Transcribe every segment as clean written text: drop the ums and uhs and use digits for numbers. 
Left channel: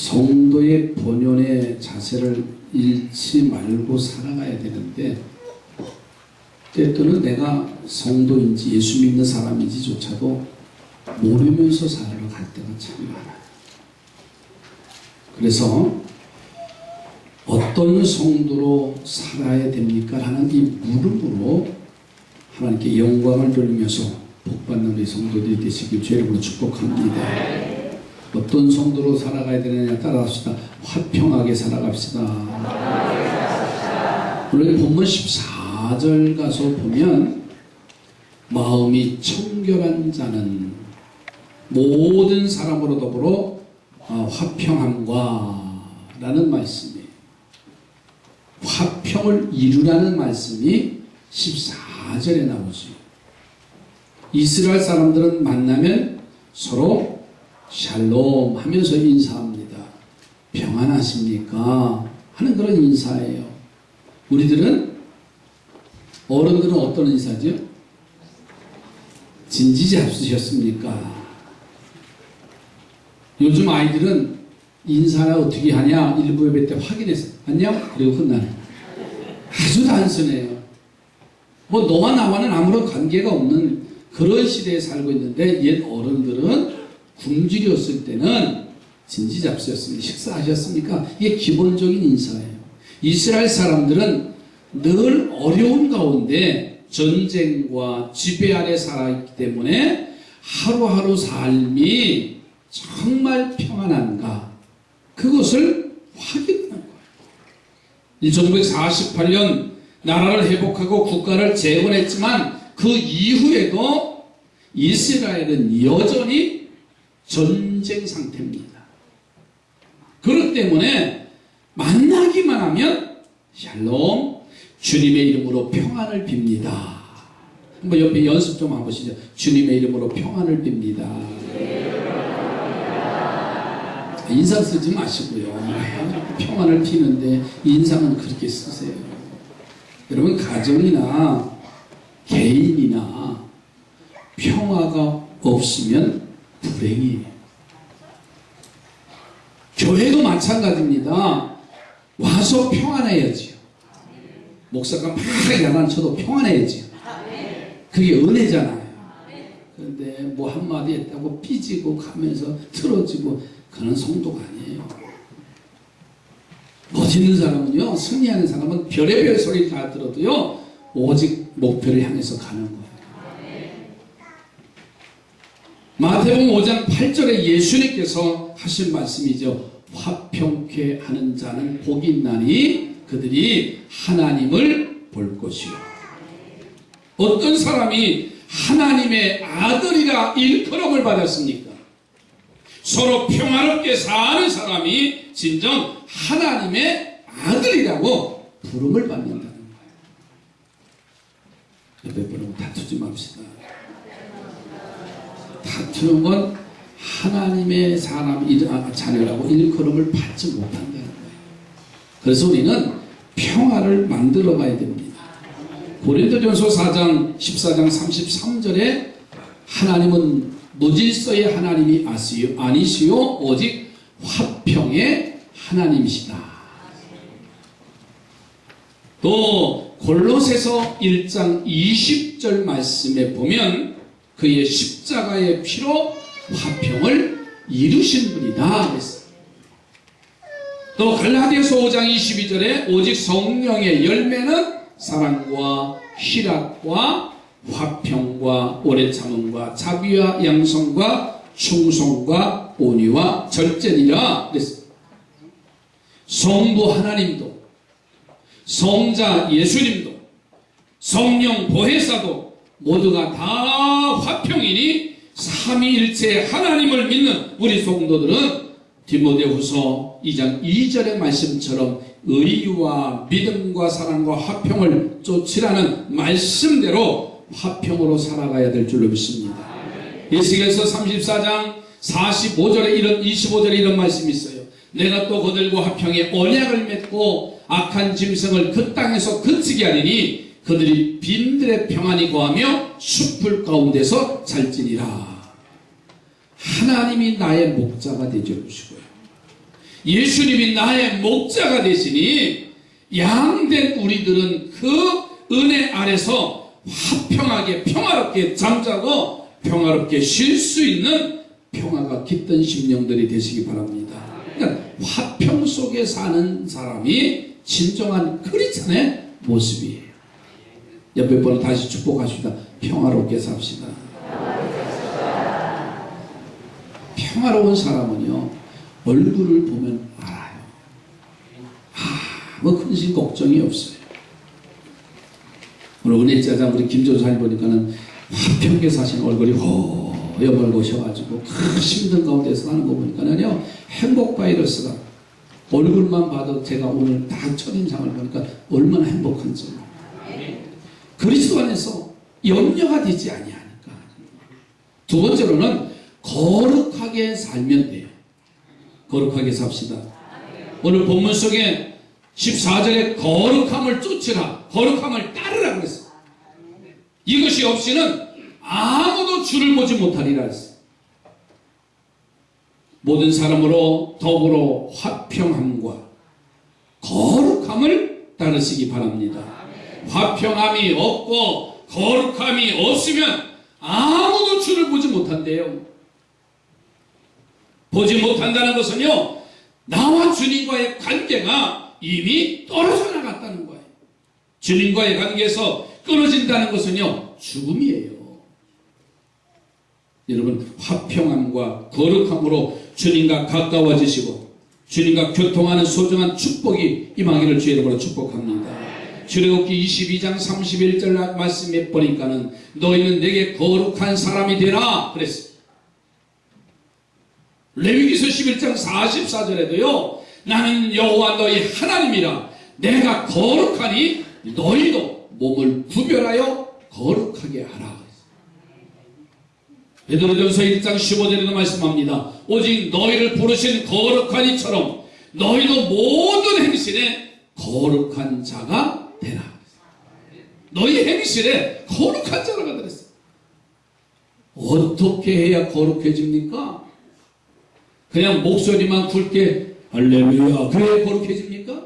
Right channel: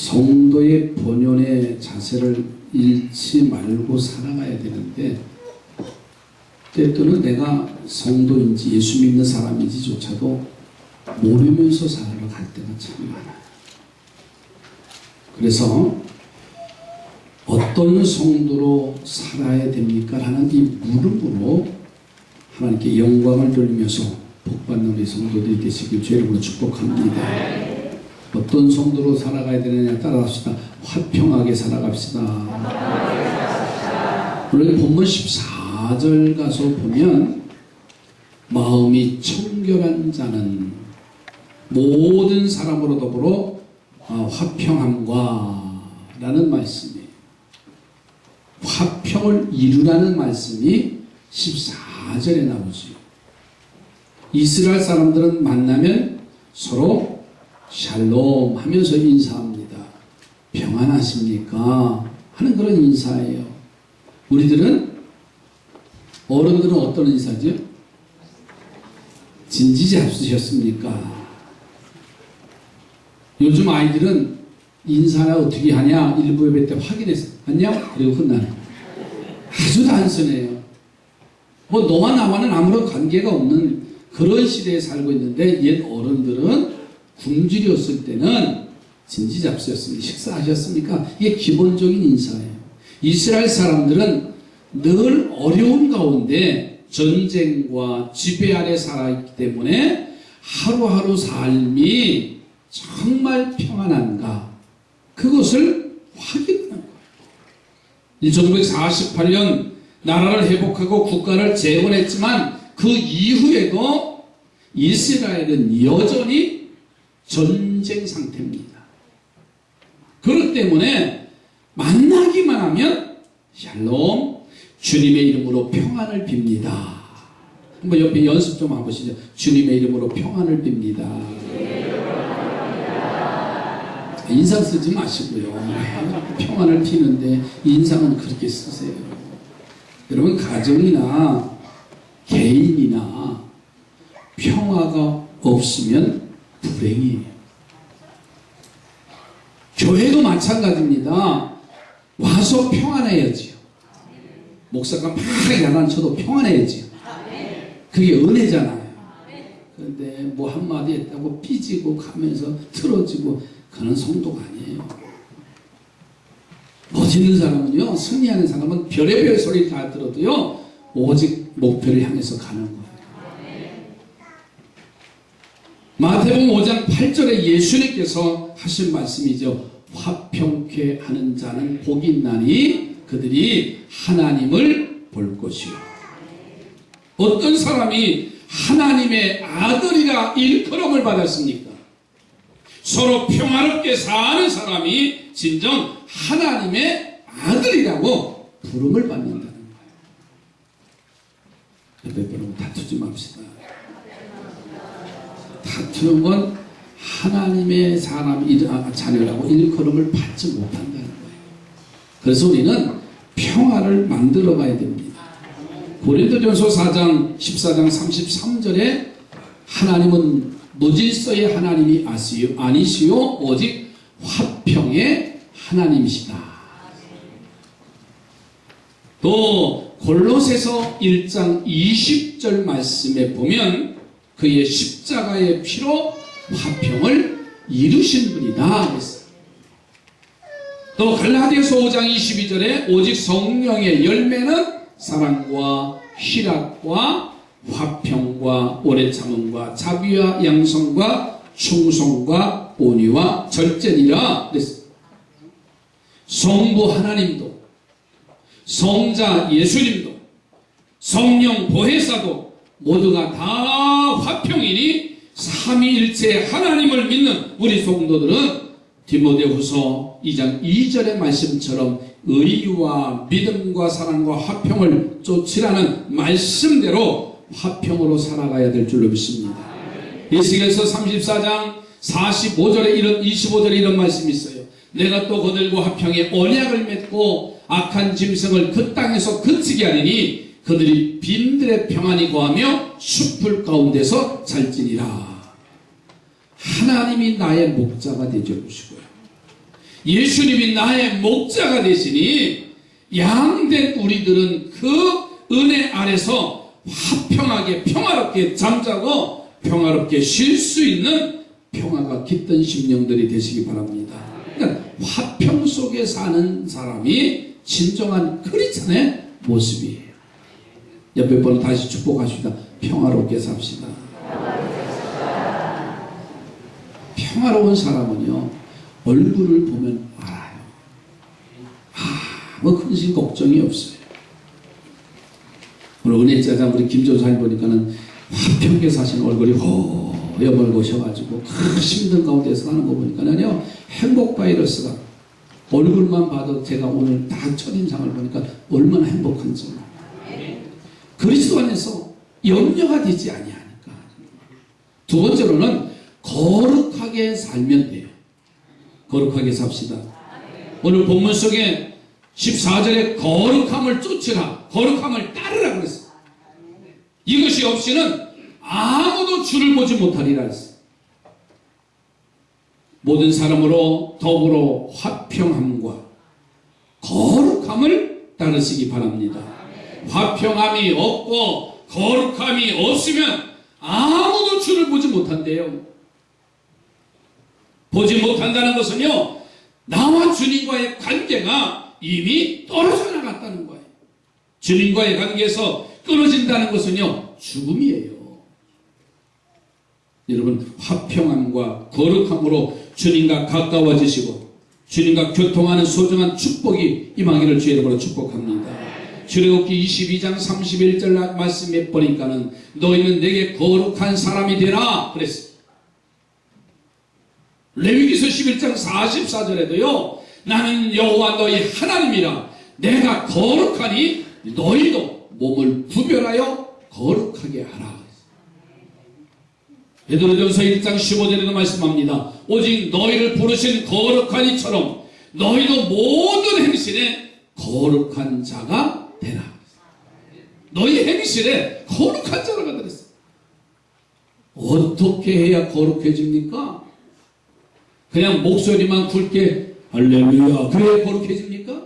성도의 본연의 자세를 잃지 말고 살아가야 되는데, 때때로는 내가 성도인지 예수 믿는 사람인지조차도 모르면서 살아갈 때가 참 많아요. 그래서 어떤 성도로 살아야 됩니까? 하는 이 물음으로 하나님께 영광을 돌리면서 복받는 우리 성도들이 되시길 주의 이름으로 축복합니다. 어떤 성도로 살아가야 되느냐 따라합시다. 화평하게 살아갑시다. 오늘 본문 14절 가서 보면 마음이 청결한 자는 모든 사람으로 더불어 화평함과 라는 말씀이에요. 화평을 이루라는 말씀이 14절에 나오죠. 이스라엘 사람들은 만나면 서로 샬롬 하면서 인사합니다. 평안하십니까? 하는 그런 인사예요. 우리들은, 어른들은 어떤 인사죠? 진지잡수셨습니까? 요즘 아이들은 인사를 어떻게 하냐? 일부 예배 때 확인해서 안녕? 그리고 끝나는. 아주 단순해요. 뭐 너와 나와는 아무런 관계가 없는 그런 시대에 살고 있는데, 옛 어른들은 굶주렸을 때는 진지잡수였습니다. 식사하셨습니까? 이게 기본적인 인사예요. 이스라엘 사람들은 늘 어려운 가운데 전쟁과 지배 아래 살아있기 때문에 하루하루 삶이 정말 평안한가, 그것을 확인하는 거예요. 1948년 나라를 회복하고 국가를 재건했지만 그 이후에도 이스라엘은 여전히 전쟁 상태입니다. 그렇기 때문에 만나기만 하면 샬롬, 주님의 이름으로 평안을 빕니다. 한번 옆에 연습 좀 한번 보시죠. 주님의 이름으로 평안을 빕니다. 인상 쓰지 마시고요. 평안을 피는데 인상은 그렇게 쓰세요. 여러분, 가정이나 개인이나 평화가 없으면 불행이에요. 교회도 마찬가지입니다. 와서 평안해야지요. 목사가 막 야단쳐도 평안해야지요. 그게 은혜잖아요. 그런데 뭐 한마디 했다고 삐지고 가면서 틀어지고, 그런 성도가 아니에요. 멋있는 사람은요, 승리하는 사람은 별의별 소리 다 들어도요, 오직 목표를 향해서 가는 거예요. 마태복음 5장 8절에 예수님께서 하신 말씀이죠. 화평케 하는 자는 복이 있나니 그들이 하나님을 볼 것이요. 어떤 사람이 하나님의 아들이라 일컬음을 받았습니까? 서로 평화롭게 사는 사람이 진정 하나님의 아들이라고 부름을 받는다는 거예요. 옆에 분하고 다투지 맙시다. 다투는 건 하나님의 자녀라고 일컬음을 받지 못한다는 거예요. 그래서 우리는 평화를 만들어 가야 됩니다. 고린도전서 4장 14장 33절에 하나님은 무질서의 하나님이 아니시요 오직 화평의 하나님이시다. 또 골로새서 1장 20절 말씀에 보면 그의 십자가의 피로 화평을 이루신 분이다 그랬어요. 또 갈라디아서 5장 22절에 오직 성령의 열매는 사랑과 희락과 화평과 오래 참음과 자비와 양성과 충성과 온유와 절제니라 그랬어요. 성부 하나님도, 성자 예수님도, 성령 보혜사도 모두가 다 화평이니 삼위일체 하나님을 믿는 우리 성도들은 디모데후서 2장 2절의 말씀처럼 의와 믿음과 사랑과 화평을 쫓으라는 말씀대로 화평으로 살아가야 될 줄로 믿습니다. 에스겔서 34장 45절에 25절에 이런 말씀이 있어요. 내가 또 그들과 화평의 언약을 맺고 악한 짐승을 그 땅에서 그치게 하리니 그들이 빈들의 평안이 거하며 숲풀 가운데서 살지니라. 하나님이 나의 목자가 되어 주시고요. 예수님이 나의 목자가 되시니 양된 우리들은 그 은혜 아래서 화평하게 평화롭게 잠자고 평화롭게 쉴 수 있는 평화가 깃든 심령들이 되시기 바랍니다. 그러니까 화평 속에 사는 사람이 진정한 크리스찬의 모습이에요. 옆에 분을 다시 축복하십니다. 평화롭게 삽시다. 평화로운 사람은요, 얼굴을 보면 알아요. 아무 근심 걱정이 없어요. 오늘 은혜자장 우리 김전사님 보니까는 화평하게 사시는 얼굴이 허여멀고셔가지고 힘든 가운데서 사는 거 보니까는요, 행복 바이러스가 얼굴만 봐도 제가 오늘 딱 첫인상을 보니까 얼마나 행복한지. 그리스도 안에서 염려가 되지 아니하니까. 두 번째로는 거룩하게 살면 돼요. 거룩하게 삽시다. 오늘 본문 속에 14절에 거룩함을 쫓으라, 거룩함을 따르라 그랬어요. 이것이 없이는 아무도 주를 보지 못하리라 했어요. 모든 사람으로 더불어 화평함과 거룩함을 따르시기 바랍니다. 화평함이 없고 거룩함이 없으면 아무도 주를 보지 못한대요. 보지 못한다는 것은요, 나와 주님과의 관계가 이미 떨어져 나갔다는 거예요. 주님과의 관계에서 끊어진다는 것은요, 죽음이에요. 여러분, 화평함과 거룩함으로 주님과 가까워지시고 주님과 교통하는 소중한 축복이 임하기를 주의 이름으로 축복합니다. 출애굽기 22장 31절 말씀에 보니까는 너희는 내게 거룩한 사람이 되라 그랬어요. 레위기서 11장 44절에도요, 나는 여호와 너희 하나님이라 내가 거룩하니 너희도 몸을 구별하여 거룩하게 하라. 베드로전서 1장 15절에도 말씀합니다. 오직 너희를 부르신 거룩한 이처럼 너희도 모든 행실에 거룩한 자가 되라. 너희 행실에 거룩한 자가 되랬어요. 어떻게 해야 거룩해집니까? 그냥 목소리만 굵게 할렐루야 그래 거룩해집니까?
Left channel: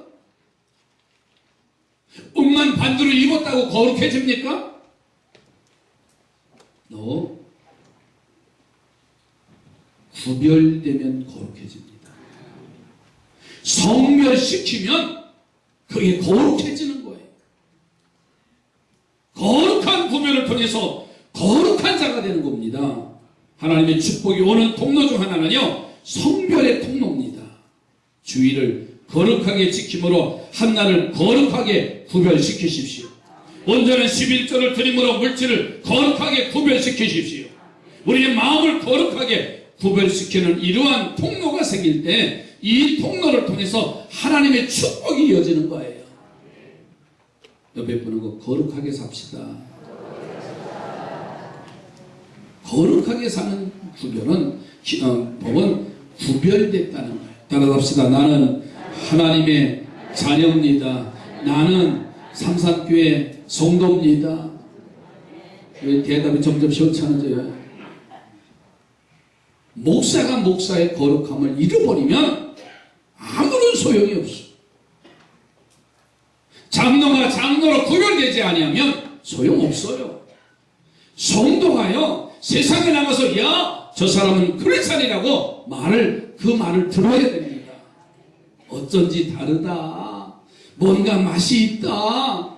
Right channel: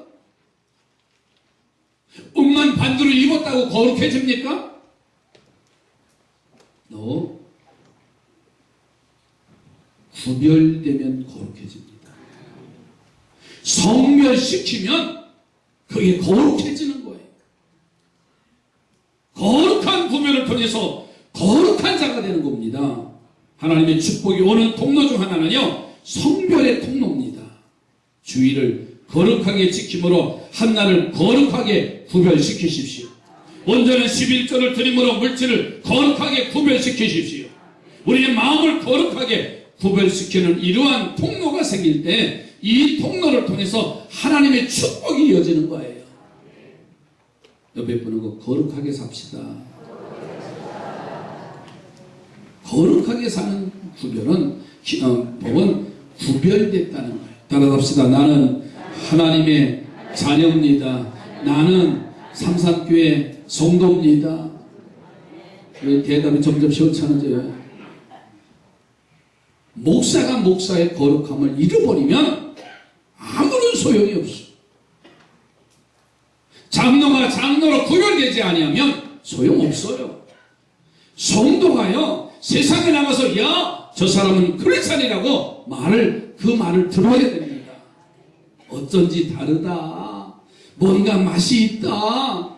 옷만 반주로 입었다고 거룩해집니까? 너 구별되면 거룩해집니다. 성별시키면 그게 거룩해지는 거예요. 거룩한 구별을 통해서 거룩한 자가 되는 겁니다. 하나님의 축복이 오는 통로 중 하나는요, 성별의 통로입니다. 주의를 거룩하게 지킴으로 한나를 거룩하게 구별시키십시오. 온전한 11조를 드림으로 물질을 거룩하게 구별시키십시오. 우리의 마음을 거룩하게 구별시키는 이러한 통로가 생길 때 이 통로를 통해서 하나님의 축복이 이어지는 거예요. 옆에 보는 거 거룩하게 삽시다. 거룩하게 사는 구별은 법은 구별됐다는 거예요. 따라합시다. 나는 하나님의 자녀입니다. 나는 삼산교회 성도입니다. 왜 대답이 점점 시원찮아져요? 목사가 목사의 거룩함을 잃어버리면 아무런 소용이 없어. 장로가 장로로 구별되지 아니하면 소용없어요. 성도가요, 세상에 나가서 야, 저 사람은 크리스찬이라고 그 말을 들어야 됩니다. 어쩐지 다르다. 뭔가 맛이 있다.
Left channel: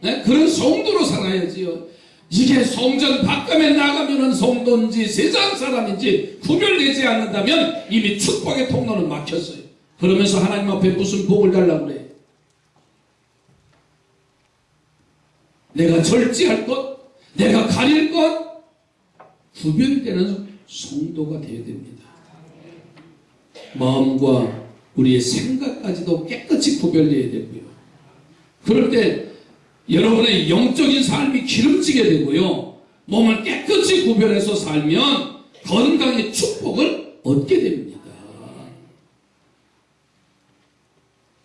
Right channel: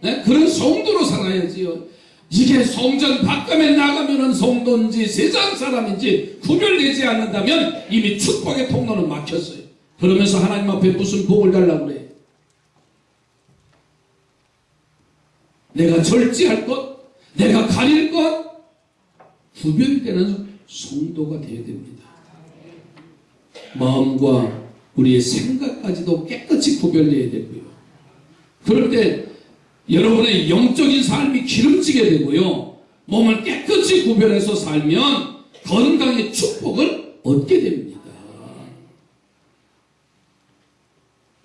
네? 그런 성도로 살아야지요. 이게 성전 밖에 나가면은 성도인지 세상 사람인지 구별되지 않는다면 이미 축복의 통로는 막혔어요. 그러면서 하나님 앞에 무슨 복을 달라고 그래? 내가 절제할 것, 내가 가릴 것, 구별되는 성도가 되어야 됩니다. 마음과 우리의 생각까지도 깨끗이 구별되어야 되고요. 그럴 때 여러분의 영적인 삶이 기름지게 되고요. 몸을 깨끗이 구별해서 살면 건강의 축복을 얻게 됩니다.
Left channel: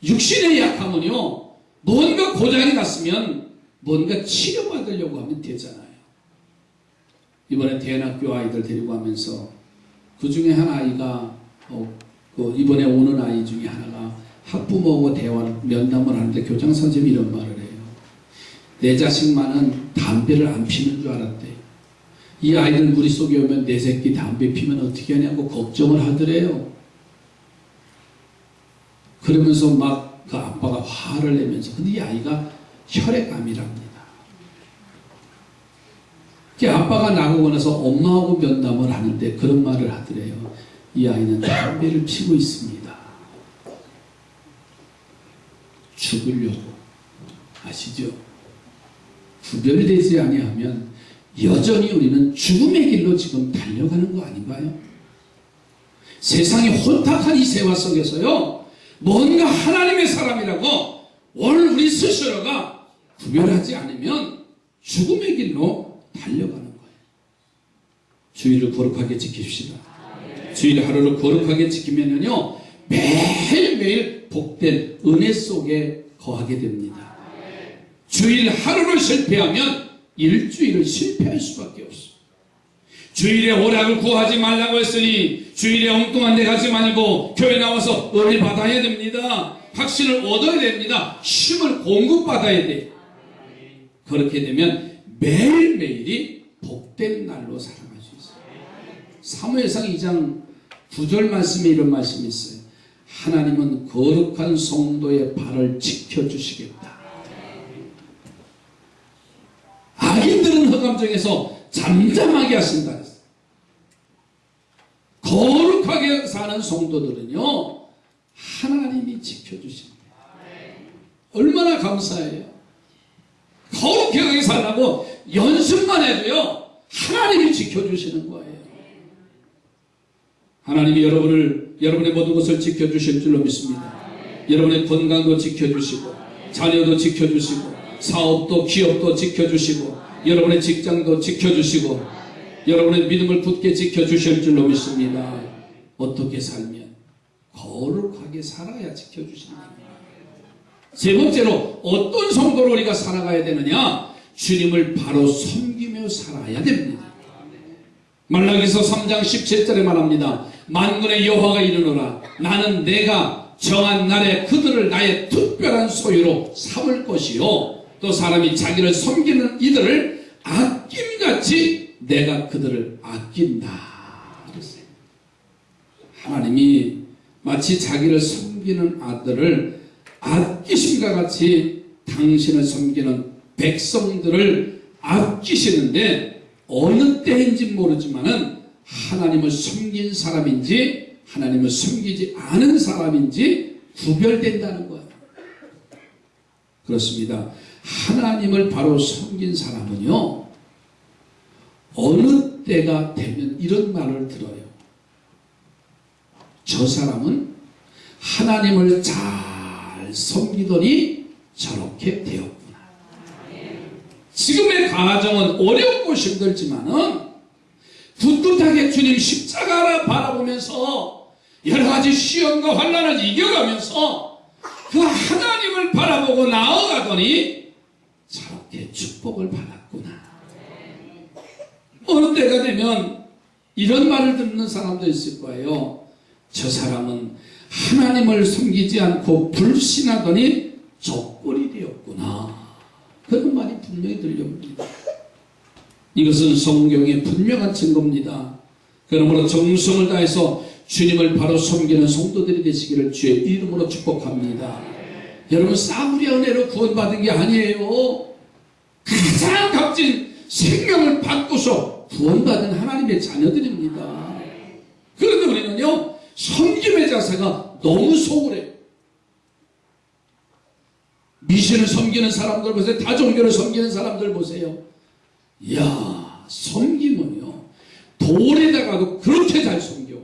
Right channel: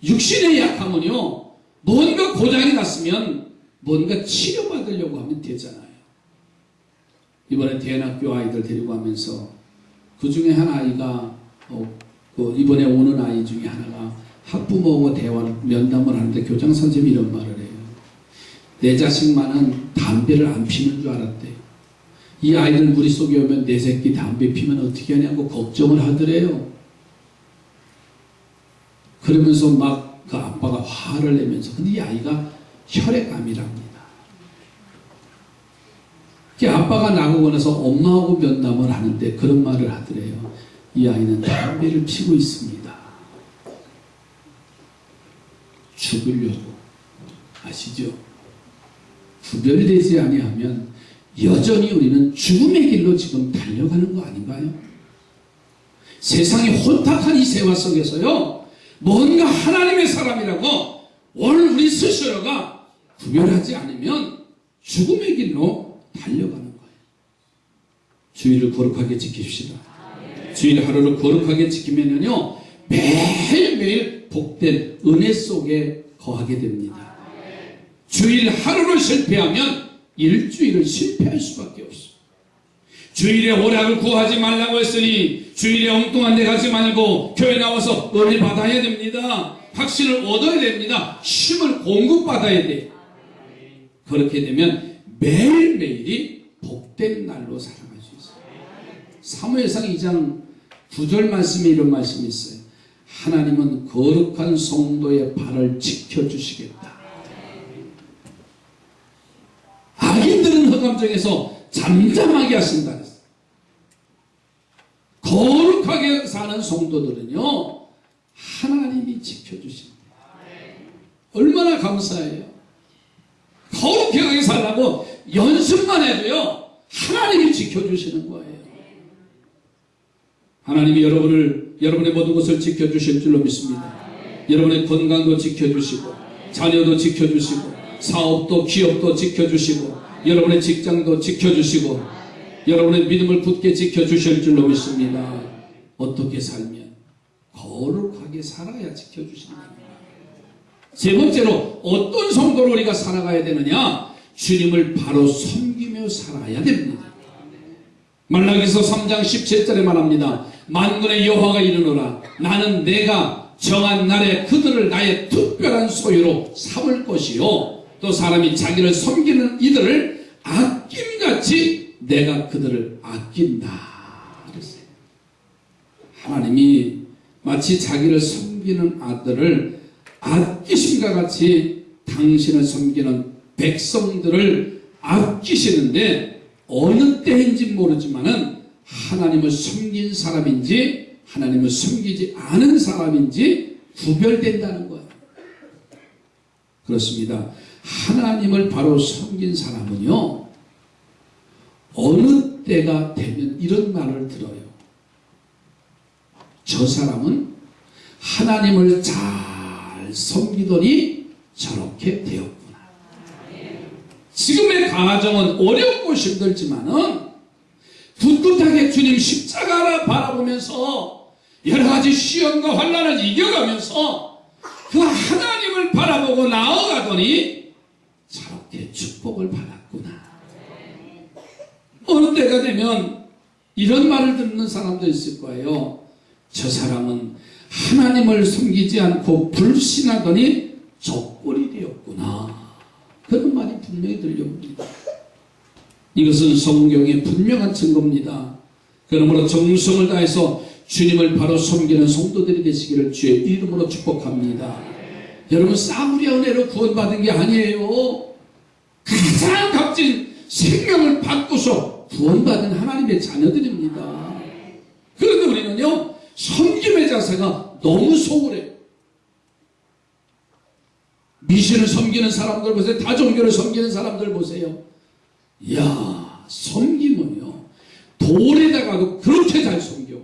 육신의 약함은요, 뭔가 고장이 났으면 뭔가 치료받으려고 하면 되잖아요. 이번에 대안학교 아이들 데리고 가면서 그 중에 한 아이가 이번에 오는 아이 중에 하나가 학부모하고 대화를 면담을 하는데 교장 선생님이 이런 말을 해요. 내 자식만은 담배를 안 피는 줄 알았대요. 이 아이들 무리 속에 오면 내 새끼 담배 피면 어떻게 하냐고 걱정을 하더래요. 그러면서 막 그 아빠가 화를 내면서, 근데 이 아이가 혈액암이랍니다. 그 아빠가 나가고 나서 엄마하고 면담을 하는데 그런 말을 하더래요. 이 아이는 담배를 피고 있습니다. 죽으려고. 아시죠? 구별되지 아니하면 여전히 우리는 죽음의 길로 지금 달려가는 거 아닌가요? 세상이 혼탁한 이 세화 속에서요, 뭔가 하나님의 사람이라고 오늘 우리 스스로가 구별하지 않으면 죽음의 길로 달려가는 거예요. 주일을 거룩하게 지킵시다. 주일 하루를 거룩하게 지키면요, 매일매일 복된 은혜 속에 거하게 됩니다. 주일 하루를 실패하면 일주일을 실패할 수밖에 없어요. 주일에 오락을 구하지 말라고 했으니 주일에 엉뚱한 데 가지 말고 교회 나와서 은혜 받아야 됩니다. 확신을 얻어야 됩니다. 힘을 공급받아야 돼요. 그렇게 되면 매일매일이 복된 날로 살아갈 수 있어요. 사무엘상 2장 9절 말씀에 이런 말씀이 있어요. 하나님은 거룩한 성도의 발을 지켜주시겠다. 악인들은 허감정에서 잠잠하게 하신다 그랬어요. 거룩하게 사는 성도들은요, 하나님이 지켜주신다. 얼마나 감사해요. 거룩하게 살라고 연습만 해도요, 하나님이 지켜주시는 거예요. 하나님이 여러분의 모든 것을 지켜주실 줄로 믿습니다. 여러분의 건강도 지켜주시고, 자녀도 지켜주시고, 사업도 기업도 지켜주시고, 여러분의 직장도 지켜주시고, 여러분의 믿음을 굳게 지켜주실 줄로 믿습니다. 어떻게 살면? 거룩하게 살아야 지켜주시는 겁니다. 세 번째로 어떤 성도로 우리가 살아가야 되느냐? 주님을 바로 섬기며 살아야 됩니다. 말라기서 3장 17절에 말합니다. 만군의 여호와가 이르노라. 나는 내가 정한 날에 그들을 나의 특별한 소유로 삼을 것이요, 또 사람이 자기를 섬기는 이들을 아낌같이 내가 그들을 아낀다 그랬어요. 하나님이 마치 자기를 섬기는 아들을 아끼심과 같이 당신을 섬기는 백성들을 아끼시는데, 어느 때인지 모르지만은 하나님을 섬긴 사람인지 하나님을 섬기지 않은 사람인지 구별된다는 거예요. 그렇습니다. 하나님을 바로 섬긴 사람은요, 어느 때가 되면 이런 말을 들어요. 저 사람은 하나님을 잘 섬기더니 저렇게 되었구나. 지금의 가정은 어렵고 힘들지만은 굳굳하게 주님 십자가를 바라보면서 여러 가지 시험과 환난을 이겨가면서 그 하나님을 바라보고 나아가더니 저렇게 축복을 받았구나. 어느 때가 되면 이런 말을 듣는 사람도 있을 거예요. 저 사람은 하나님을 섬기지 않고 불신하더니 적골이 되었구나. 그런 말이 분명히 들려옵니다. 이것은 성경의 분명한 증거입니다. 그러므로 정성을 다해서 주님을 바로 섬기는 성도들이 되시기를 주의 이름으로 축복합니다. 여러분, 싸구려 은혜로 구원받은 게 아니에요. 가장 값진 생명을 받고서 구원받은 하나님의 자녀들입니다. 그런데 우리는요, 섬김의 자세가 너무 소홀해요. 미신을 섬기는 사람들 보세요. 다종교를 섬기는 사람들 보세요. 이야, 섬김은요, 돌에다가도 그렇게 잘 섬겨.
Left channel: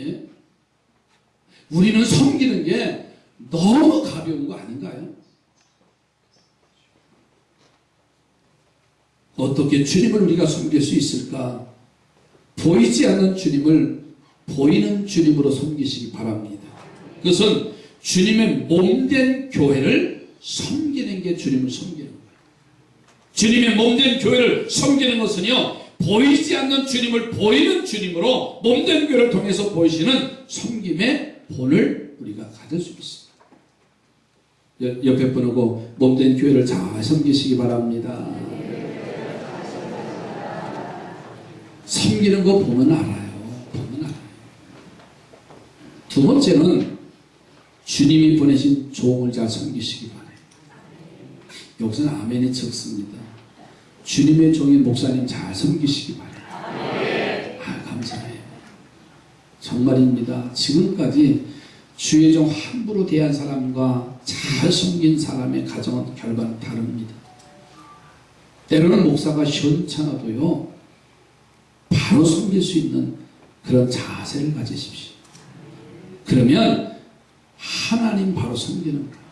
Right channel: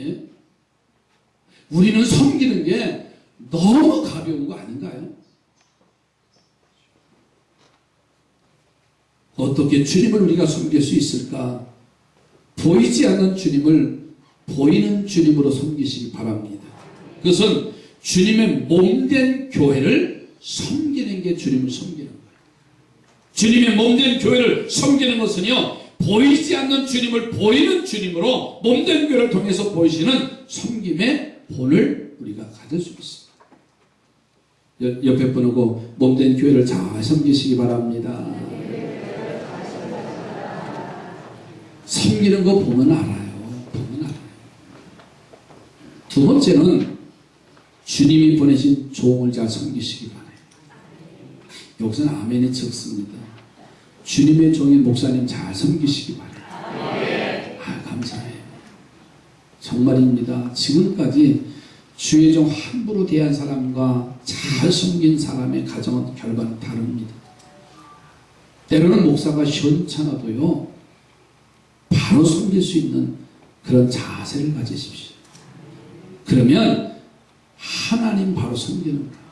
예? 우리는 섬기는 게 너무 가벼운 거 아닌가요? 어떻게 주님을 우리가 섬길 수 있을까? 보이지 않는 주님을 보이는 주님으로 섬기시기 바랍니다. 그것은 주님의 몸된 교회를 섬기는 게 주님을 섬기는 거예요. 주님의 몸된 교회를 섬기는 것은요, 보이지 않는 주님을 보이는 주님으로 몸된 교회를 통해서 보이시는 섬김의 본을 우리가 가질 수 있습니다. 옆에 분하고 몸된 교회를 잘 섬기시기 바랍니다. 섬기는 거 보면 알아요. 보면 알아요. 두 번째는 주님이 보내신 종을 잘 섬기시기 바라요. 여기서는 아멘이 적습니다. 주님의 종인 목사님 잘 섬기시기 바라요. 감사해요. 정말입니다. 지금까지 주의 종 함부로 대한 사람과 잘 섬긴 사람의 가정은 결과는 다릅니다. 때로는 목사가 시원찮아도요, 바로 섬길 수 있는 그런 자세를 가지십시오. 그러면 하나님 바로 섬기는 거예요.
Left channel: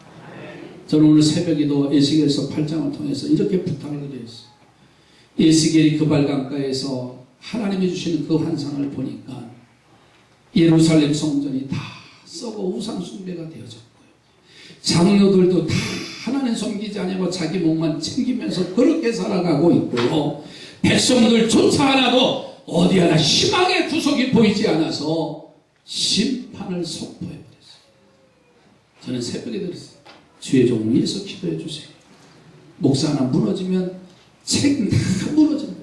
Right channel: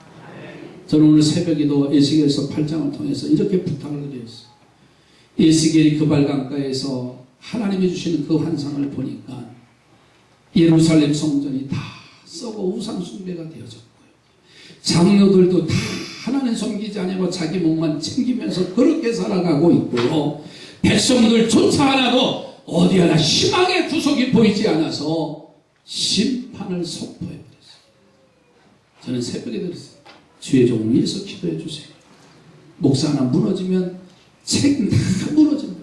저는 오늘 새벽에도 에스겔서 8장을 통해서 이렇게 부탁을 드렸어요. 에스겔이 그 발강가에서 하나님이 주시는 그 환상을 보니까 예루살렘 성전이 다 썩어 우상 숭배가 되어졌고요. 장로들도 다 하나님 섬기지 않고 자기 몸만 챙기면서 그렇게 살아가고 있고요. 백성들조차 하나도 어디 하나 희망의 구석이 보이지 않아서 심판을 선포해버렸어요. 저는 새벽에 들었어요. 주의 종을 위해서 기도해 주세요. 목사 하나 무너지면 책 다 무너집니다.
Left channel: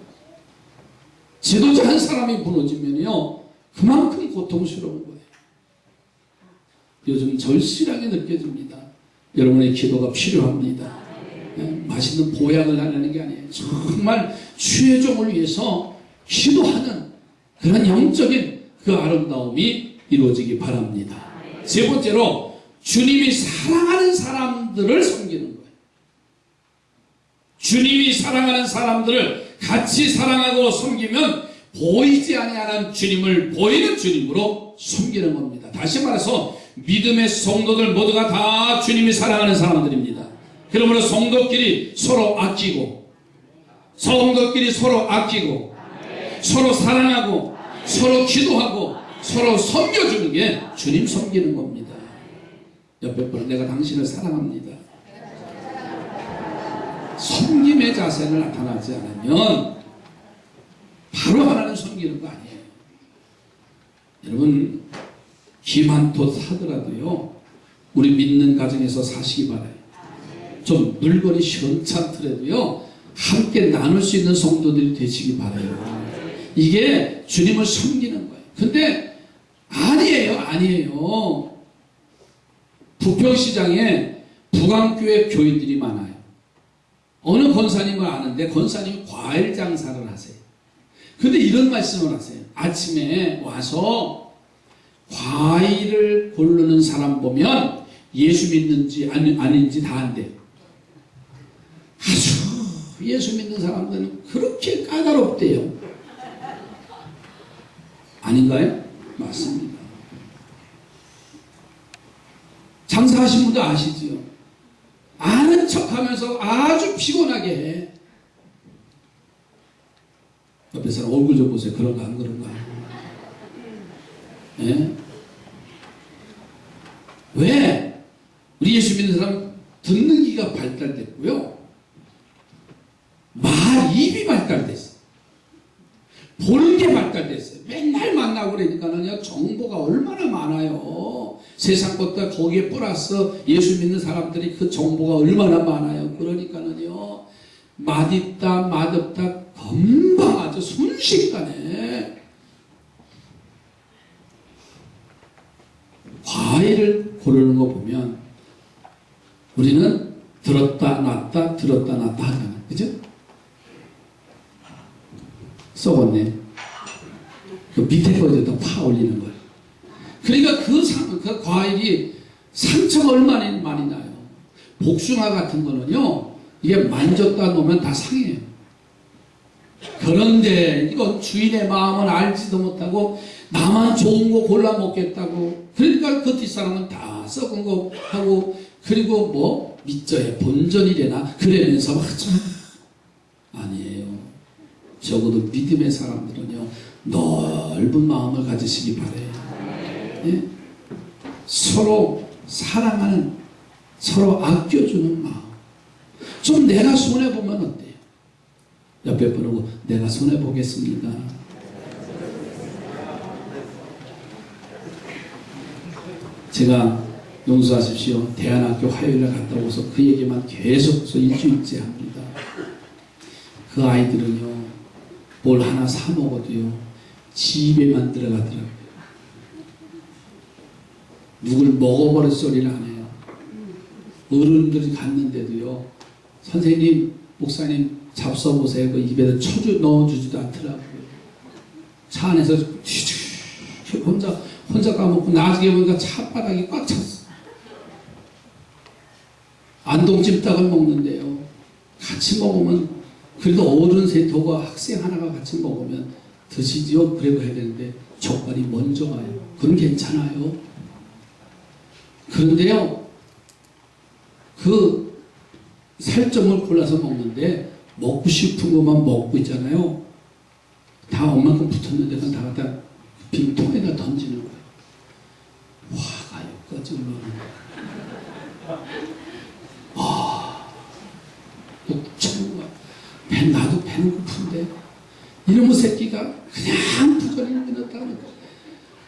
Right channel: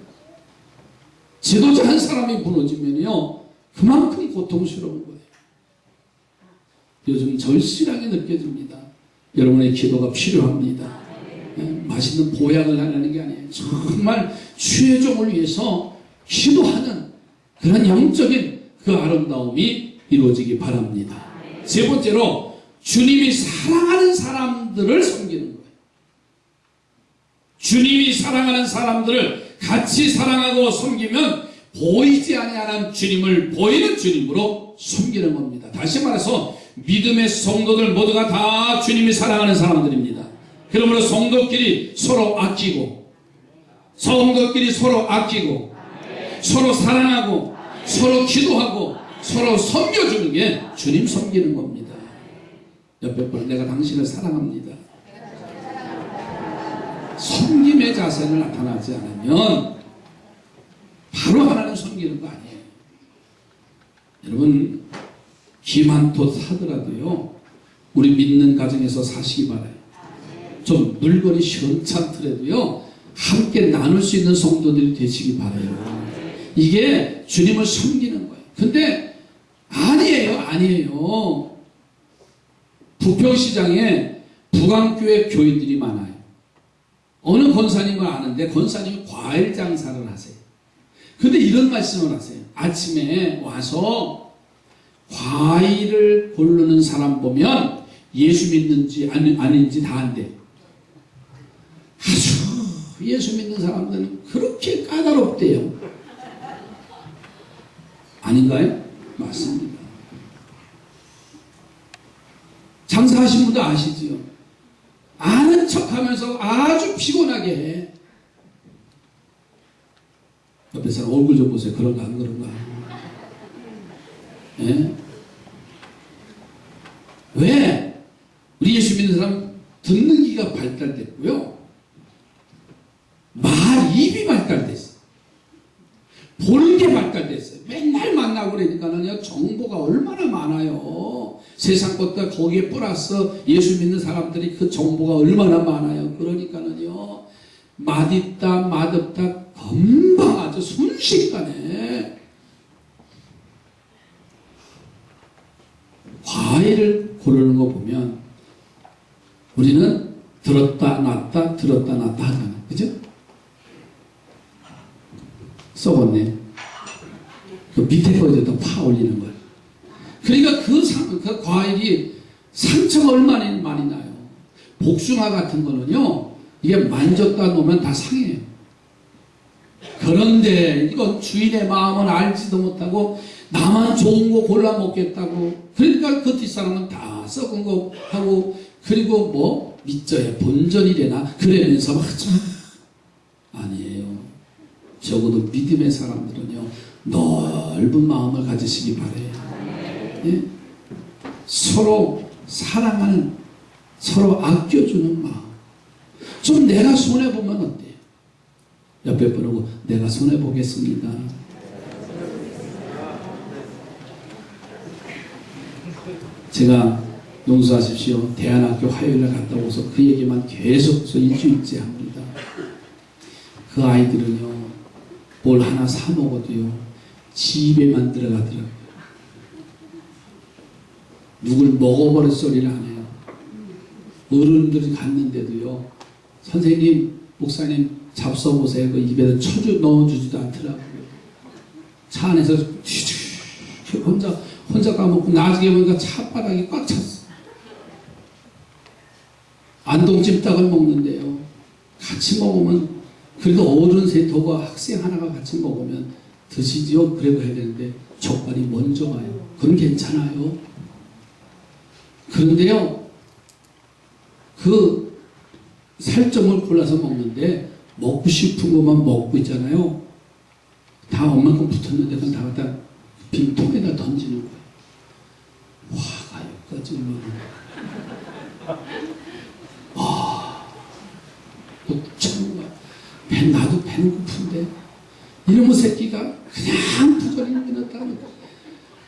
지도자 한 사람이 무너지면요, 그만큼 고통스러운 거예요. 요즘 절실하게 느껴집니다. 여러분의 기도가 필요합니다. 맛있는 보약을 하려는 게 아니에요. 정말 주의 종을 위해서 기도하는 그런 영적인 그 아름다움이 이루어지기 바랍니다. 세 번째로 주님이 사랑하는 사람들을 섬기는 거예요. 주님이 사랑하는 사람들을 같이 사랑하고 섬기면 보이지 아니하는 주님을 보이는 주님으로 섬기는 겁니다. 다시 말해서 믿음의 성도들 모두가 다 주님이 사랑하는 사람들입니다. 그러므로 성도끼리 서로 아끼고 서로 사랑하고 서로 기도하고 서로 섬겨주는 게 주님 섬기는 겁니다. 옆에 분은 내가 당신을 사랑합니다. 섬김의 자세를 나타나지 않으면 바로 하나님 섬기는 거 아니에요. 여러분, 기만토 하더라도요, 우리 믿는 가정에서 사시기 바라요. 좀 물건이 시원찮더라도요, 함께 나눌 수 있는 성도들이 되시기 바라요. 이게 주님을 섬기는 거예요. 근데 아니에요. 부평시장에 북안교회 교인들이 많아요. 어느 권사님을 아는데 권사님이 과일 장사를 하세요. 근데 이런 말씀을 하세요. 아침에 와서 과일을 고르는 사람 보면 예수 믿는지 아닌지 다 안돼요. 아주 예수 믿는 사람들은 그렇게 까다롭대요. 아닌가요? 맞습니다. 장사하신 분도 아시지요? 아는 척하면서 아주 피곤하게 해. 옆에 사람 얼굴 좀 보세요. 그런가 안 그런가? 예? 왜? 우리 예수 믿는 사람 듣는 귀가 발달됐고요. 입이 발달됐어요. 보는 게 발달됐어요. 맨날 만나고 그러니까는요, 정보가 얼마나 많아요. 세상 것과 거기에 플러스 예수 믿는 사람들이 그 정보가 얼마나 많아요. 그러니까는요, 맛있다 맛없다 금방 아주 순식간에 과일을 고르는 거 보면 우리는 들었다 놨다 하잖아요. 그죠? 썩었네. 그 밑에 거에다 파 올리는 거예요. 그러니까 그 과일이 상처가 얼마나 많이 나요. 복숭아 같은 거는요, 이게 만졌다 놓으면 다 상해요. 그런데 이건 주인의 마음은 알지도 못하고 나만 좋은 거 골라 먹겠다고, 그러니까 그 뒷사람은 다 썩은 거 하고, 그리고 뭐 믿져야 본전이래나 그러면서 막 아니에요. 적어도 믿음의 사람들은요, 넓은 마음을 가지시기 바래요. 예? 서로 사랑하는, 서로 아껴주는 마음. 좀 내가 손해보면 어때요? 옆에 분하고 내가 손해보겠습니다. 제가 용서하십시오. 대안학교 화요일에 갔다 오서 그 얘기만 계속해서 일주일째 합니다. 그 아이들은요, 뭘 하나 사 먹어도요, 집에만 들어가더라고요. 누굴 먹어버릴 소리를 안 해요. 어른들이 갔는데도요, 선생님, 목사님 잡숴보세요. 그 입에다 넣어주지도 않더라고요. 차 안에서 혼자 까먹고 나중에 보니까 차바닥이 꽉 찼어. 안동찜닭을 먹는데요, 같이 먹으면 그래도 어른 셋하고 학생 하나가 같이 먹으면 드시지요? 그래도 해야 되는데 젓갈이 먼저 가요. 그건 괜찮아요. 그런데요, 그 살점을 골라서 먹는데 먹고 싶은 것만 먹고 있잖아요. 다 엄마큼 붙었는데 그건 다 갖다 빈통에다 던지는 거예요. 화가 여기까지 올라오는 거예요. 목차는 거야. 나도 배는 고픈데 이놈의 새끼가 그냥 부조리를 밀었다니까.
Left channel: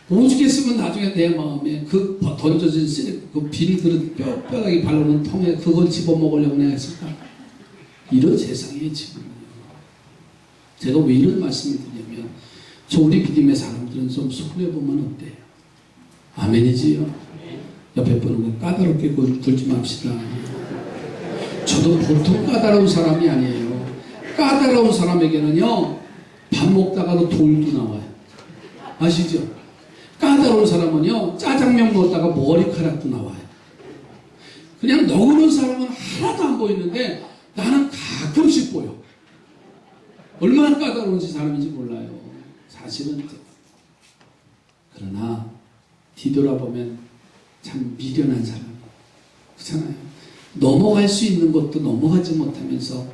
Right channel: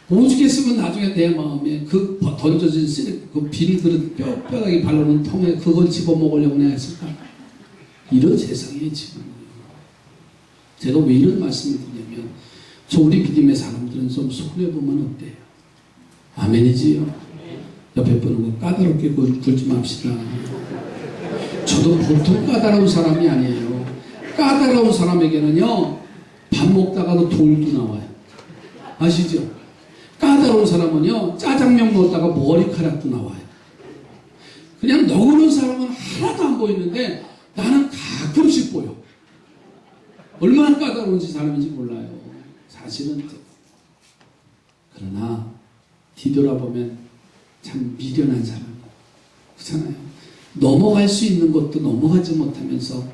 오죽했으면 나중에 내 마음에 그 던져진 쓰레기, 그 빈 그릇 뼈다귀 발라놓은 통에 그걸 집어먹으려고 내가 했을까? 이런 세상에 지금요. 제가 왜 이런 말씀을 드리냐면, 저 우리 믿음의 사람들은 좀 손해보면 어때요? 아멘이지요? 옆에 보는 거 까다롭게 굴지 맙시다. 저도 보통 까다로운 사람이 아니에요. 까다로운 사람에게는요, 밥 먹다가도 돌도 나와요. 아시죠? 까다로운 사람은요, 짜장면 먹다가 머리카락도 나와요. 그냥 너그러운 사람은 하나도 안 보이는데 나는 가끔씩 보여. 얼마나 까다로운지 사람인지 몰라요. 사실은. 그러나 뒤돌아보면 참 미련한 사람이에요. 그렇잖아요. 넘어갈 수 있는 것도 넘어가지 못하면서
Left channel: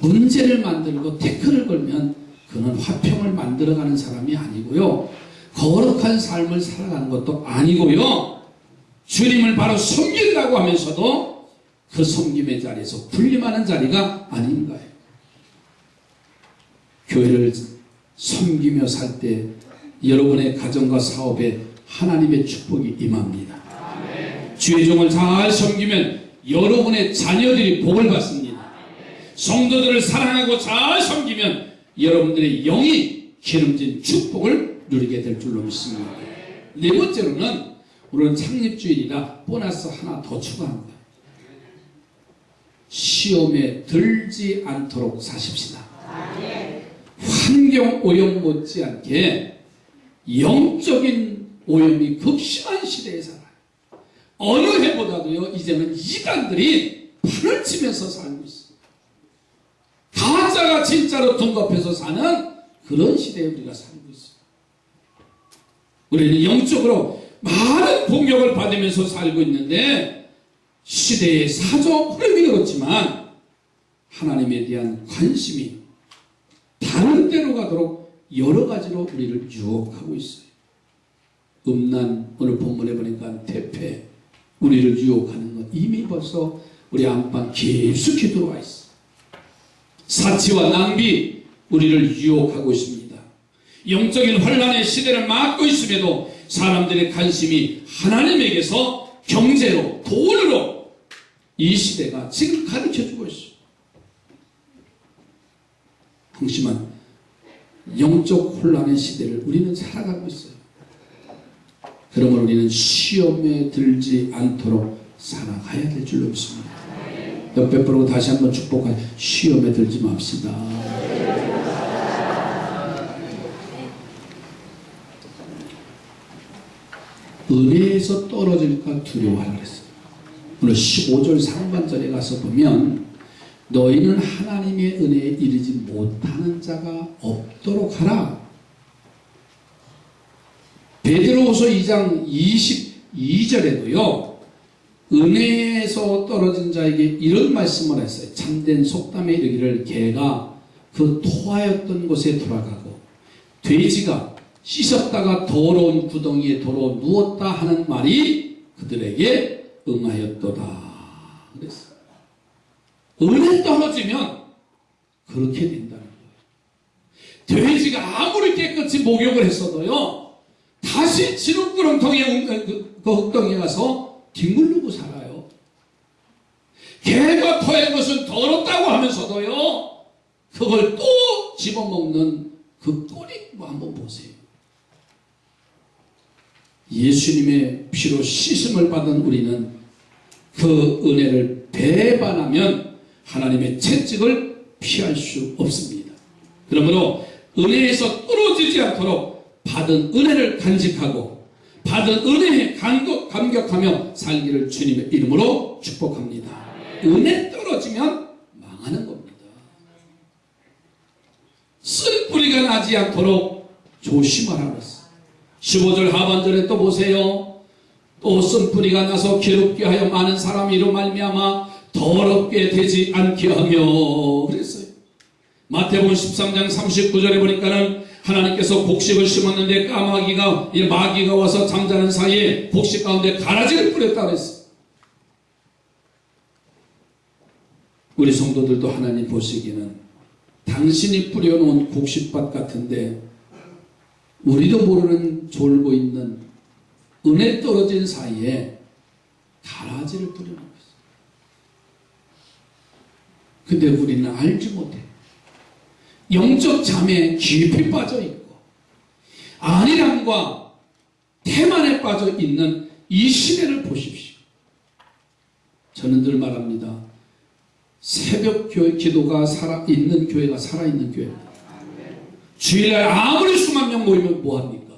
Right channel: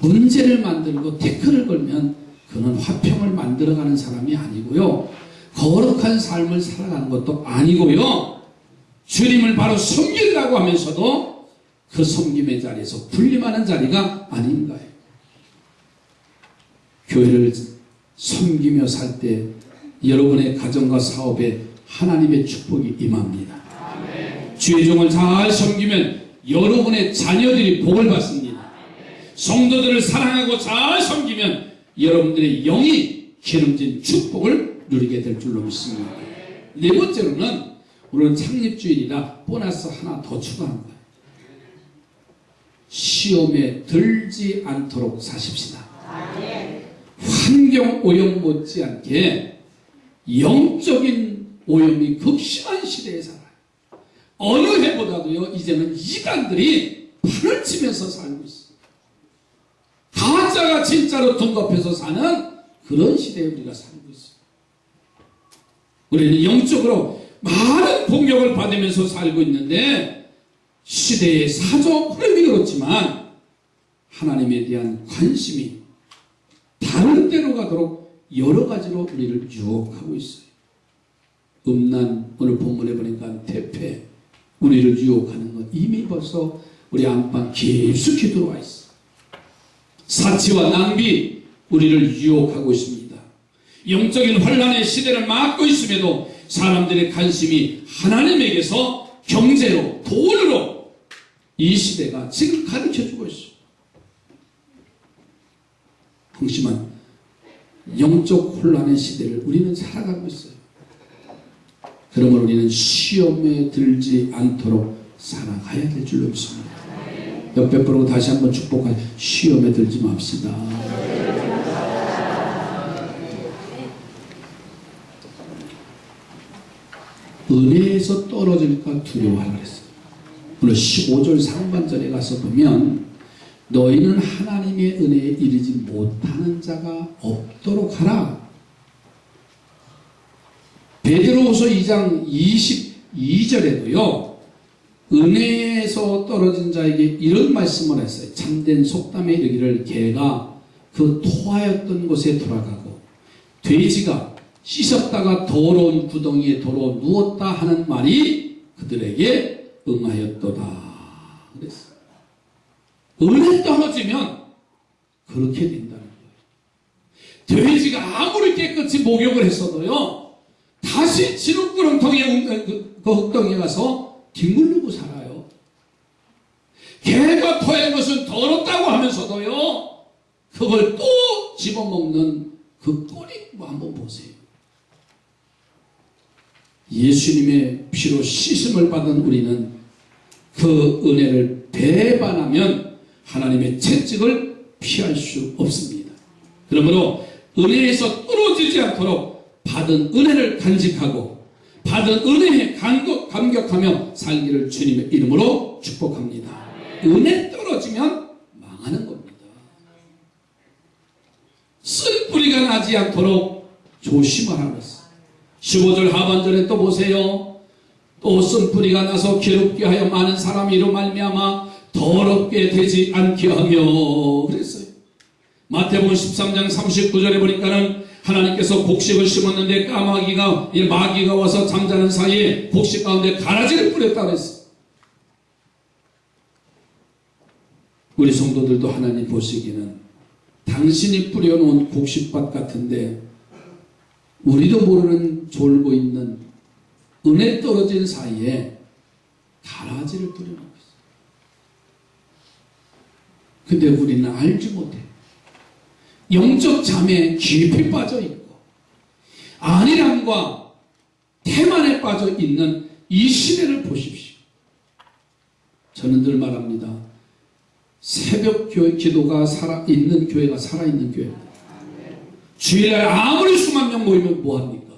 문제를 만들고 태클을 걸면 그는 화평을 만들어가는 사람이 아니고요, 거룩한 삶을 살아가는 것도 아니고요, 주님을 바로 섬긴다고 하면서도 그 섬김의 자리에서 군림하는 자리가 아닌가요? 교회를 섬기며 살 때 여러분의 가정과 사업에 하나님의 축복이 임합니다. 주의 종을 잘 섬기면 여러분의 자녀들이 복을 받습니다. 성도들을 사랑하고 잘 섬기면 여러분들의 영이 기름진 축복을 누리게 될 줄로 믿습니다. 네 번째로는 오늘은 창립주일이라 보너스 하나 더 추가한 거예요. 시험에 들지 않도록 사십시다. 환경 오염 못지않게 영적인 오염이 극심한 시대에 살아요. 어느 해보다도요, 이제는 이단들이 판을 치면서 살고 있어요. 가짜가 진짜로 둔갑해서 사는 그런 시대에 우리가 살고 있어요. 우리는 영적으로 많은 공격을 받으면서 살고 있는데 시대의 사적 흐름이 그렇지만 하나님에 대한 관심이 다른 데로 가도록 여러 가지로 우리를 유혹하고 있어요. 음란, 오늘 본문에 보니까 퇴폐, 우리를 유혹하는 것 이미 벌써 우리 안방 깊숙이 들어와 있어요. 사치와 낭비, 우리를 유혹하고 있습니다. 영적인 혼란의 시대를 맞고 있음에도 사람들의 관심이 하나님에게서 경제로, 돈으로 이 시대가 지금 가르쳐주고 있어요. 한심한 영적 혼란의 시대를 우리는 살아가고 있어요. 그러므로 우리는 시험에 들지 않도록 살아가야 될 줄로 믿습니다. 옆에 보고 다시 한번 축복하여 시험에 들지 맙시다. 은혜에서 떨어질까 두려워하라 그랬어요. 오늘 15절 상반절에 가서 보면 너희는 하나님의 은혜에 이르지 못하는 자가 없도록 하라. 베드로후서 2장 22절에도요. 은혜에서 떨어진 자에게 이런 말씀을 했어요. 참된 속담에 이르기를 개가 그 토하였던 곳에 돌아가고 돼지가 씻었다가 더러운 구덩이에 도로 누웠다 하는 말이 그들에게 응하였도다. 그랬어요. 은혜 떨어지면 그렇게 된다는 거예요. 돼지가 아무리 깨끗이 목욕을 했어도요, 다시 지름구렁텅이에 그 흙덩이에 가서 뒹굴르고 살아요. 개가 토한 것은 더럽다고 하면서도요, 그걸 또 집어먹는 그 꼴이 뭐 한번 보세요. 예수님의 피로 씻음을 받은 우리는 그 은혜를 배반하면 하나님의 채찍을 피할 수 없습니다. 그러므로 은혜에서 떨어지지 않도록 받은 은혜를 간직하고 받은 은혜에 감격하며 살기를 주님의 이름으로 축복합니다. 은혜 떨어지면 망하는 겁니다. 쓴 뿌리가 나지 않도록 조심하라고 했어요. 15절 하반절에 또 보세요. 또 쓴 뿌리가 나서 괴롭게 하여 많은 사람이 이로 말미암아 더럽게 되지 않게 하며 그랬어요. 마태복음 13장 39절에 보니까는 하나님께서 곡식을 심었는데 마귀가 와서 잠자는 사이에 곡식 가운데 가라지를 뿌렸다 그랬어요. 우리 성도들도 하나님 보시기에는 당신이 뿌려놓은 곡식밭 같은데 우리도 모르는 졸고 있는 은혜 떨어진 사이에 가라지를 뿌려놓고 있어요. 근데 우리는 알지 못해. 영적 잠에 깊이 빠져 있고 안일함과 태만에 빠져 있는 이 시대를 보십시오. 저는 늘 말합니다. 새벽 기도가 살아있는 교회가 살아있는 교회입니다. 주일날 아무리 수만 명 모이면 뭐합니까?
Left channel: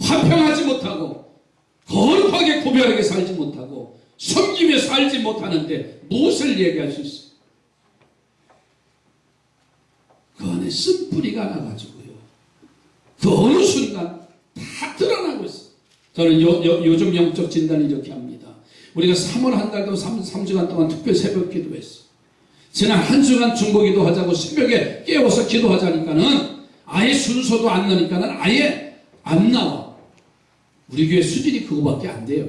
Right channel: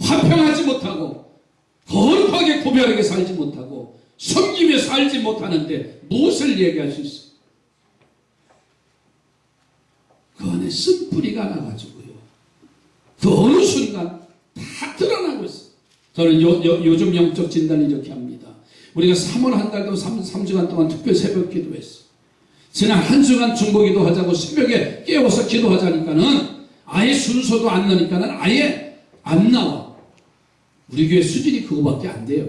화평하지 못하고 거룩하게 고별하게 살지 못하고 섬기며 살지 못하는데 무엇을 얘기할 수 있어요? 그 안에 쓴뿌리가 나가지고요. 그 어느 순간 다 드러나고 있어요. 저는 요즘 영적 진단을 이렇게 합니다. 우리가 3월 한 달도 3주간 동안 특별 새벽 기도했어요. 지난 한 주간 중보기도 하자고 새벽에 깨워서 기도하자니까는 아예 순서도 안 나니까는 아예 안 나와. 우리 교회 수준이 그거밖에 안 돼요.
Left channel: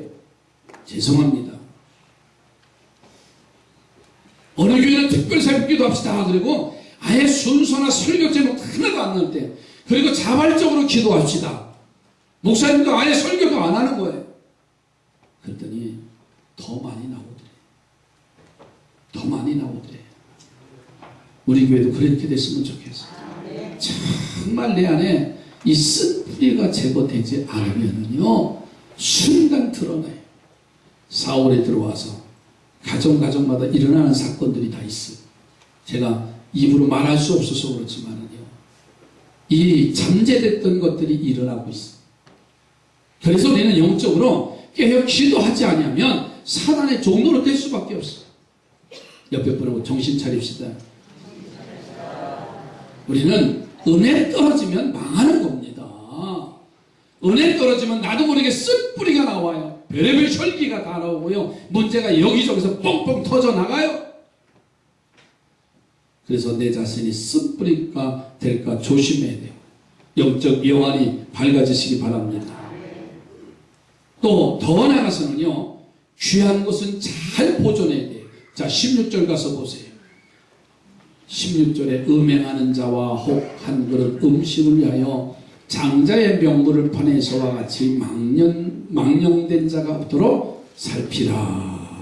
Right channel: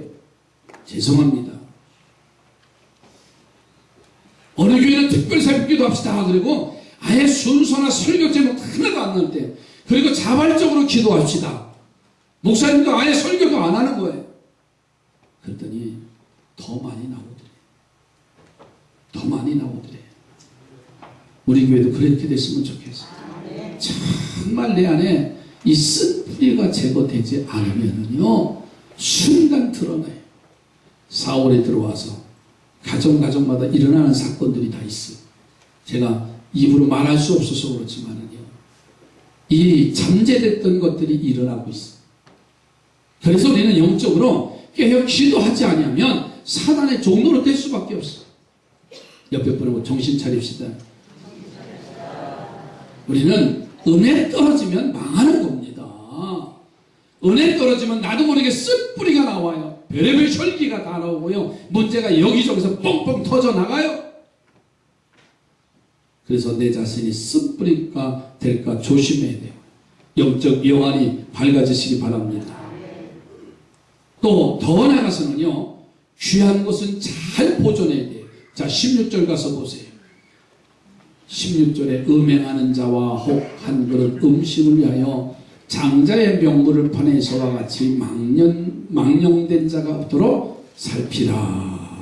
죄송합니다. 어느 교회는 특별 새벽 기도합시다. 그리고 아예 순서나 설교 제목 하나도 안 나올 때, 그리고 자발적으로 기도합시다. 목사님도 아예 설교도 안 하는 거예요. 그랬더니 더 많이 나오더래요. 더 많이 나오더래요. 우리 교회도 그렇게 됐으면 좋겠어요. 정말 내 안에 이 쓴뿌리가 제거되지 않으면요 순간 드러나요. 4월에 들어와서 가정마다 일어나는 사건들이 다 있어요. 제가 입으로 말할 수 없어서 그렇지만은요, 이 잠재됐던 것들이 일어나고 있어요. 그래서 우리는 영적으로 깨어 기도하지 아니하면 사단의 종로로 될 수밖에 없어요. 옆에 분하고 정신 차립시다. 우리는 은혜 떨어지면 망하는 겁니다. 은혜 떨어지면 나도 모르게 쓴뿌리가 나와요. 별의별 혈기가 다 나오고요. 문제가 여기저기서 뻥뻥 터져 나가요. 그래서 내 자신이 쓴뿌리가 될까 조심해야 돼요. 영적 영안이 밝아지시기 바랍니다. 또 더 나아가서는요, 귀한 것은 잘 보존해야 돼요. 자, 16절 가서 보세요. 16절에 음행하는 자와 혹 한 그릇 음식을 위하여 장자의 명물을 파내서와 같이 망령된 자가 없도록 살피라.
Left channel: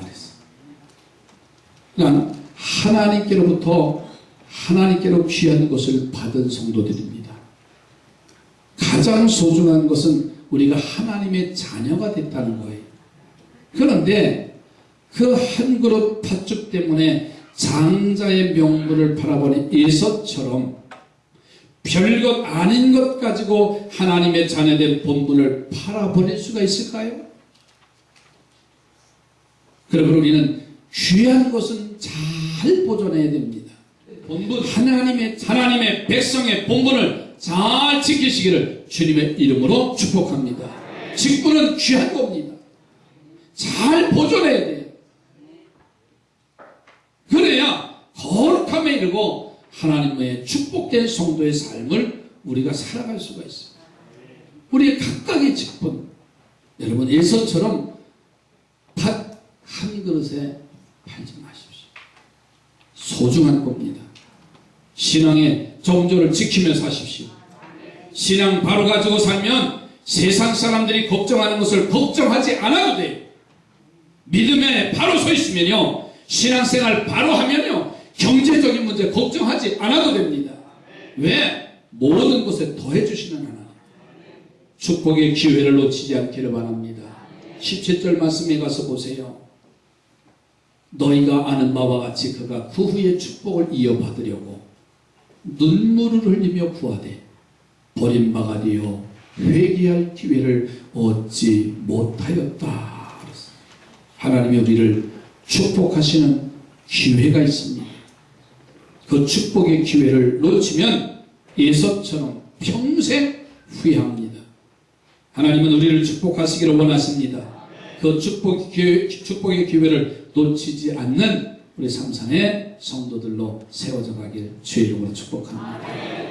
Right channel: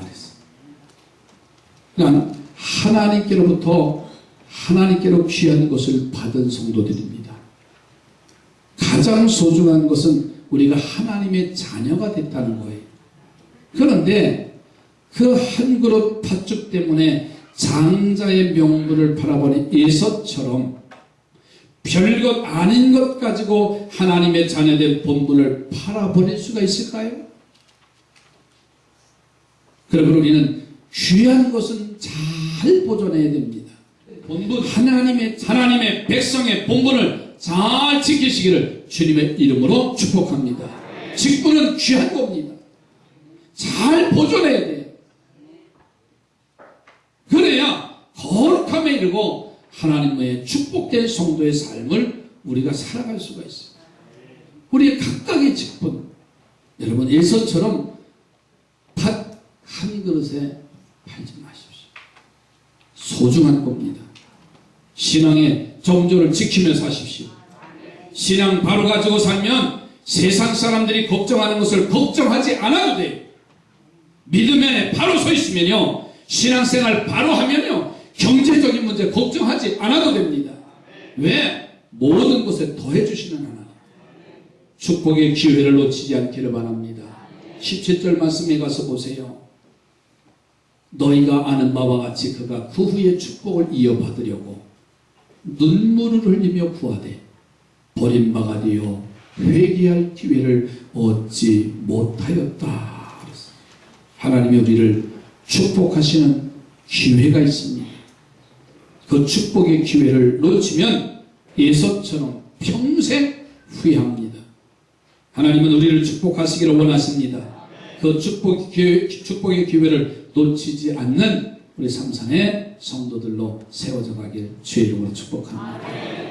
그러니까 하나님께로 귀한 것을 받은 성도들입니다. 가장 소중한 것은 우리가 하나님의 자녀가 됐다는 거예요. 그런데 그 한 그릇 팥죽 때문에 장자의 명분을 바라보는 에서처럼 별것 아닌 것 가지고 하나님의 자녀된 본분을 팔아버릴 수가 있을까요? 그러므로 우리는 귀한 것은 잘 보존해야 됩니다. 본분, 하나님의 백성의 본분을 잘 지키시기를 주님의 이름으로 축복합니다. 직분은 귀한 겁니다. 잘 보존해야 돼요. 그래야 거룩함에 이르고 하나님의 축복된 성도의 삶을 우리가 살아갈 수가 있어요. 우리의 각각의 직분, 여러분 에서처럼 팥 한 그릇에 팔지 마십시오. 소중한 겁니다. 신앙의 정조를 지키며 사십시오. 신앙 바로 가지고 살면 세상 사람들이 걱정하는 것을 걱정하지 않아도 돼요. 믿음에 바로 서 있으면요, 신앙생활 바로 하면요, 경제적인 문제 걱정하지 않아도 됩니다. 왜? 모든 것에 더해주시는 하나님. 축복의 기회를 놓치지 않기를 바랍니다. 17절 말씀에 가서 보세요. 너희가 아는 바와 같이 그가 그 후에 축복을 이어받으려고 눈물을 흘리며 구하되 버림받아 되어 회개할 기회를 얻지 못하였다. 하나님이 우리를 축복하시는 기회가 있습니다. 그 축복의 기회를 놓치면 에서처럼 평생 후회합니다. 하나님은 우리를 축복하시기를 원하십니다. 그 축복의 기회를 놓치지 않는 우리 삼산의 성도들로 세워져 가길 주의 이름으로 축복합니다.